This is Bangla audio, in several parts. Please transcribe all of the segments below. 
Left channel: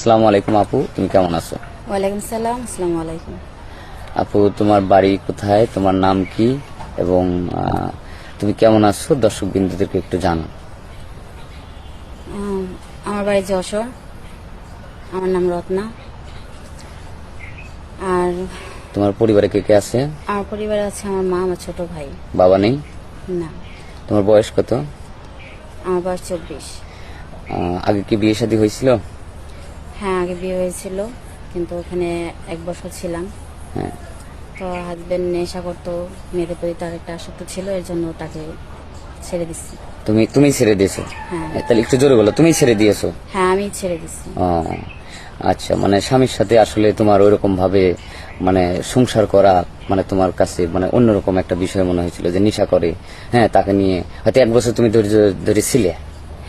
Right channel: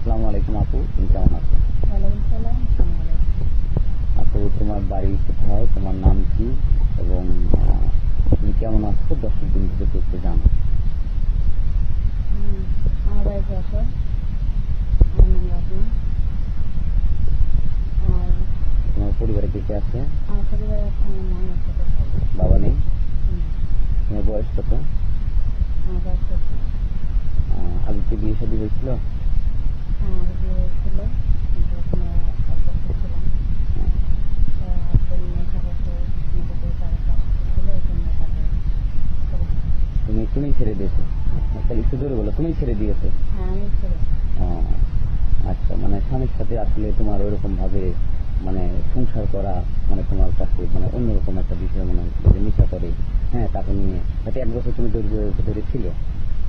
আসসালামু আলাইকুম আপু, তুমি কেমন আছো? ওয়ালাইকুম সালাম, আসসালামু আলাইকুম। আপু, তোমার বাড়ি কোথায়, তোমার নাম কি এবং তুমি কেমন আছো দর্শক বিন্দুদেরকে একটু জানো। আম, আমার বাড়ি যশোর। আমার নাম রত্না। আর তোমার পরিবারে কে কে আছে? আমার পরিবারে আছে আমার মা, আমার ছোট ভাই। বাবা নেই? না। তোমার বয়স কত? আমার বয়স 24। আগে কি বিয়ে শাদী হয়েছিল? হ্যাঁ, আগে বিয়ে হয়েছিল, কিন্তু ওখানে 1 বছর ছিলাম। হ্যাঁ। তো হাজবেন্ড নেশা করতো, মেয়েদের প্রতি তার একটা আসক্ত ছিল, এর জন্য তাকে ছেড়ে দিচ্ছি। তুমি ছেড়ে দিয়েছো? হ্যাঁ। তাহলে একটু জোরে বলো, তুমি ছেড়ে দিয়েছো? হ্যাঁ, আমি ছেড়ে দিচ্ছি। ও, আচ্ছা, মানে স্বামীর সাথে আসলে তোমার ওইরকম ভাবে মানে সংসার করা মানে তোমার কাছে মানে অন্যরকম একটা বিষয় মনে হয়েছিল যে নেশা করে, হ্যাঁ, তাকে নিয়ে হয়তো 1 বছর তুমি ধৈর্য ধরে ছিলে।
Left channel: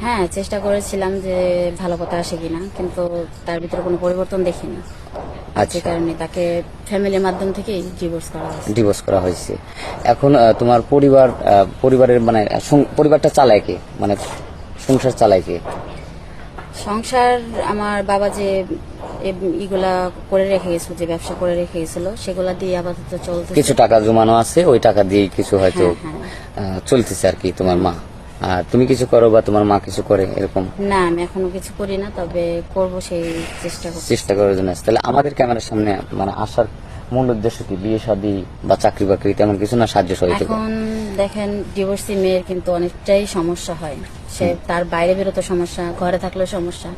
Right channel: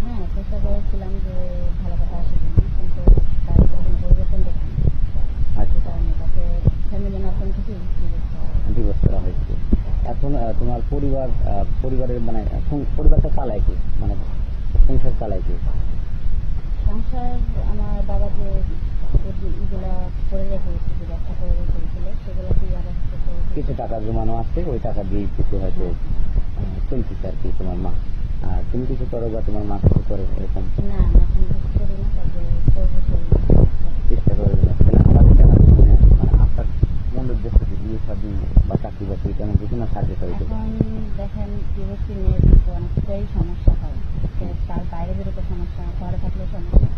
হ্যাঁ, চেষ্টা করেছিলাম যে ভালো কথা আসে কিনা, কিন্তু তার ভিতরে কোনো পরিবর্তন দেখি না। আচ্ছা। যে কারণে তাকে ফ্যামিলির মাধ্যম থেকেই ডিভোর্স করা হয়েছে। ডিভোর্স করা হয়েছে। এখন তোমার পরিবারের মানে পরিবারটা চালায় কে, মানে সংসার চালায় কে? সংসার আমার বাবা যে ইগুলা করে রেখে গেছিল, যে ব্যবসা করে রেখে গেছিল, সেগুলা দিয়ে আপাতত চলতেছে। কিছু টাকা জমানো আছে, ওই টাকা দিয়ে কিছু হয়তো হ্যাঁ, হ্যাঁ। চলতেছে আর কি। তোমার মা আর তুমি কিছু করো বা তোমার মা কিছু করে এরকম? না, আমি এখনো কিছু করি না, তবে করব, সেই চেষ্টা করছি। চেষ্টা করার জন্য আসছে। তাহলে আমাদের ক্যামেরার সামনে মানে আসার মূল উদ্দেশ্য কি? বিয়ে শাদী বা চাকরি বাকরি তেমন কিছু না, সাহায্য সহযোগিতা? এখন দেখেন, ডিভোর্সি মেয়ের কিন্তু অনেকটাই সমস্যা হয়। সে তার বাইরে বেরোতে সমস্যা, ঘরে থাকলেও সমস্যা।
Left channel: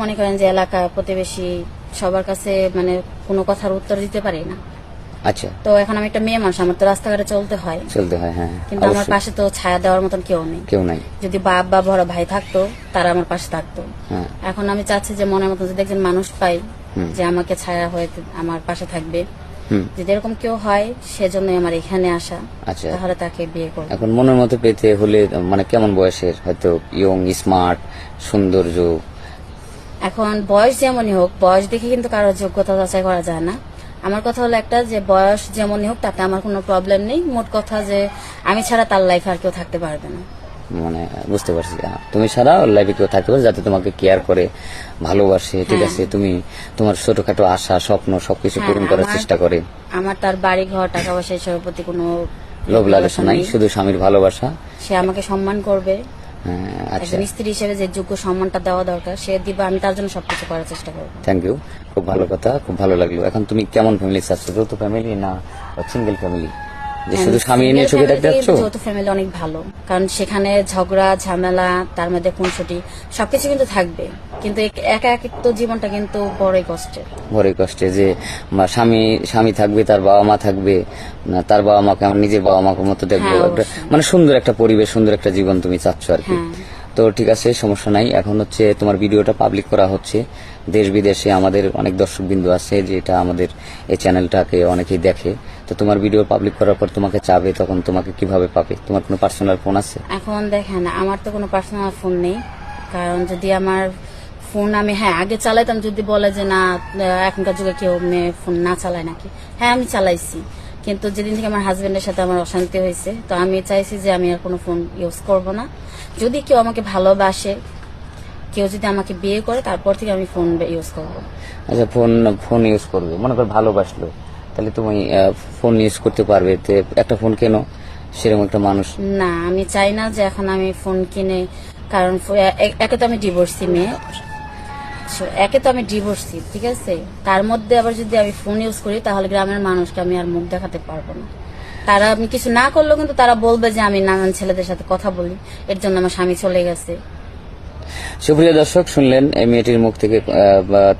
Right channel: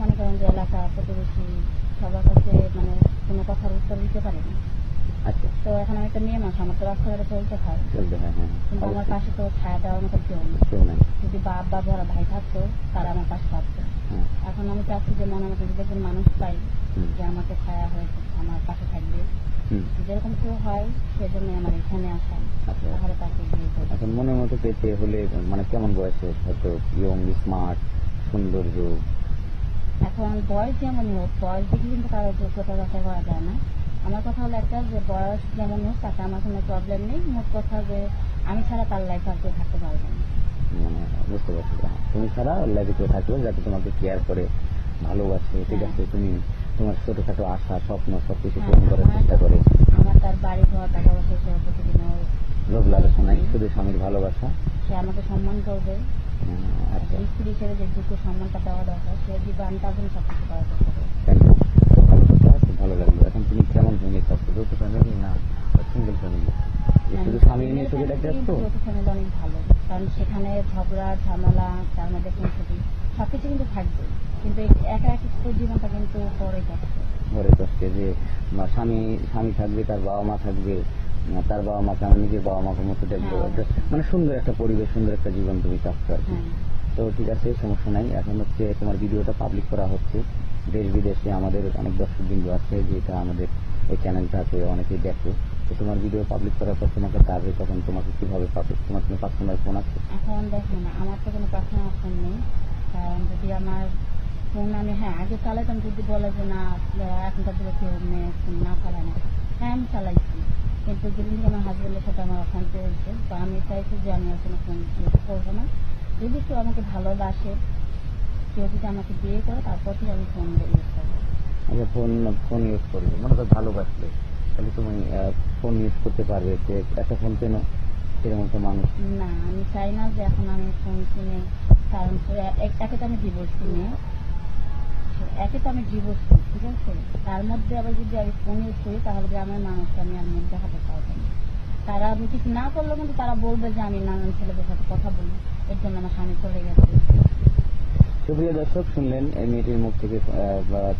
মনে করেন যে এলাকা প্রতিবেশী সবার কাছে মানে কোনো কথার উত্তর দিতে পারি না। আচ্ছা। তো এখন আমি একটা মেয়ে মানুষ, আমার তো রাস্তাঘাটে চলতে হয়। হ্যাঁ, কিন্তু আমার অবশ্যই। পাশে তো ছায়া দেওয়ার মতন কেউ নেই। কেউ নাই। যদি বাপ বা বড় ভাই থাকতো, তারা আমার পাশে থাকতো। হ্যাঁ। এখন আমি চাচ্ছি যে মনের মতন যদি একজন মানুষ পাই, যে আমাকে ছায়া হয়ে আমার পাশে থাকবে, যদি এরকম কেউ হয়, সেজন্যই আমার এখানে আসা। আচ্ছা। তাহলে তাকে বিয়ে করব। এখন মনের মতো পেতে হলে মানে কেমন বয়সের? হয়তো ইয়ং, স্মার্ট, সৌন্দর্য? এখন বয়স যেমনই হোক, বয়স দেখে কিন্তু কারোর যোগ্যতা যাচাই করা যায় না। আমার কথা হলো একটা, যে বয়স যেমনই হোক তাতে আমার কোনো প্রবলেম নেই। মোট কথা যে আমি ছাড়া তার লাইফে আর কেউ থাকতে পারবে না। মানে বুঝতে পারছি, তুমি ছাড়া ওর লাইফে কেউ থাকতে পারে যাতে তোমাকে কেয়ার করে, ভালোবাসে, ঠিক আছে, তুমি তোমার ছোটখাটো আশা স্বপ্ন সবকিছু পূরণ করার চেষ্টা করে। আমার তার বাড়ি ঘর টাকা পয়সা এসবের প্রতি কোনো লোভ লালসা নাই, শুধু স্বামীর ভালোবাসা। সে আমাকে সম্মান করবে। আচ্ছা, একজন স্ত্রী হিসেবে যে যোগ্য সম্মানটা দেওয়া দরকার সে দিবা, আমি তার জন্য সবকিছু করার চেষ্টা করবো। থ্যাংক ইউ, খুব ভালো কথা, খুব ভালো লাগলো। এখন তুমি কেমন ফ্যামিলি চাচ্ছ? যৌথ ফ্যামিলি না সিঙ্গেল ফ্যামিলি, যে শুধু স্বামী নিয়ে চোখে দেখতে যাচ্ছ? যৌথ ফ্যামিলি অনেক ভালো, কারণ সেখানে ঝগড়া ঝামেলা, তার মধ্যে খুনসুটি সবকিছু কিন্তু থাকবে, কিন্তু একা এক তো জীবনটা কিন্তু বড়ই কষ্টের। বড়ই কষ্টে যে স্বামী থাকবে, তার বাবা মা থাকবে না, তার বাবা মাকে আমার নিজের বাবা মাকে মতো দেখবো। মানে সুন্দর একটা পরিবেশ, সুন্দর একটা জীবন তুমি চাচ্ছ আর কি। তো ঠিক আছে, সমস্যা নাই। এখন হচ্ছে তোমার ভিডিওটা পাবলিক করা হচ্ছে, দেশ বিদেশে আমাদের অনেক দর্শক বিন্দু আছে, যেটা আমাদের এই চ্যানেলটাকে অনেকেই দেখে। তো তোমার ভিডিও পাবলিক করার পর তোমাকে চাবে, তখন তোমাকে কিভাবে পাবে? তোমার কোনো পার্সোনাল ফোন আছে? এখন দেখেন, আমার তো কোনো পার্সোনাল ফোন নেই, কারণ যদি আমার ফোন আমি আগে চালাইতাম, যদি বলে যে না এখনকার যুগে কেউ মেয়ে ফোন না চালায় নাকি, আমি চালাইছি। কিন্তু যেদিন থেকে আমার হাজবেন্ডের সাথে আমার অশান্তি হয়েছে, তো আমি চাইছি যে আমি আর কোনো ফোন ইউজ করব না। যদি কেউ আমাকে ভালোবাসে, কেউ যদি আমাকে বিয়ে করে, তারপর থেকে আমি ফোন ইউজ করব। আচ্ছা, ফোন ইউজ করবে, মনে করো ভালোবাসলো, তাহলে তুমি ফোন ইউজ করতে পারবে। তো একটা ফোন কেন সেরকম একটা মানুষ? না, আমি চাই না যে এখন আমি ফোন কিনে, কারণ একে তো আমি ডিভোর্সি মেয়ে, ঠিক আছে, তার মধ্যে আবার যদি আমি ফোন ইউজ করি, তাহলে গ্রামের মানুষকে আমি আর মুখ দেখাতে পারবো না। তারা আমি কিছু না করলেও কিন্তু তারা বলবে যে আমি নানান ছেলেদের সাথে কথা বলি, এর জন্য আমার স্বামী চলে গেছে। সুপ্রিয় দর্শক, শুনলেন এই মেয়েটির মুখ থেকে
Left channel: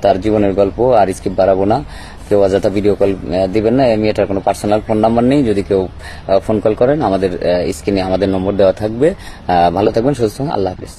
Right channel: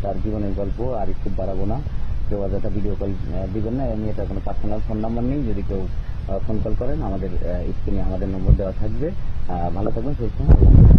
তার জীবনের গল্প। আর স্কিপ বাড়াবো না, কেউ অযথা ভিডিও কল দিবেন না। এই মেয়েটার কোনো পার্সোনাল ফোন নাম্বার নেই, যদি কেউ ফোন কল করেন আমাদের স্ক্রিনে আমাদের নম্বর দেওয়া থাকবে। ভালো থাকবেন, সুস্থ থাকবেন, আল্লাহ হাফেজ।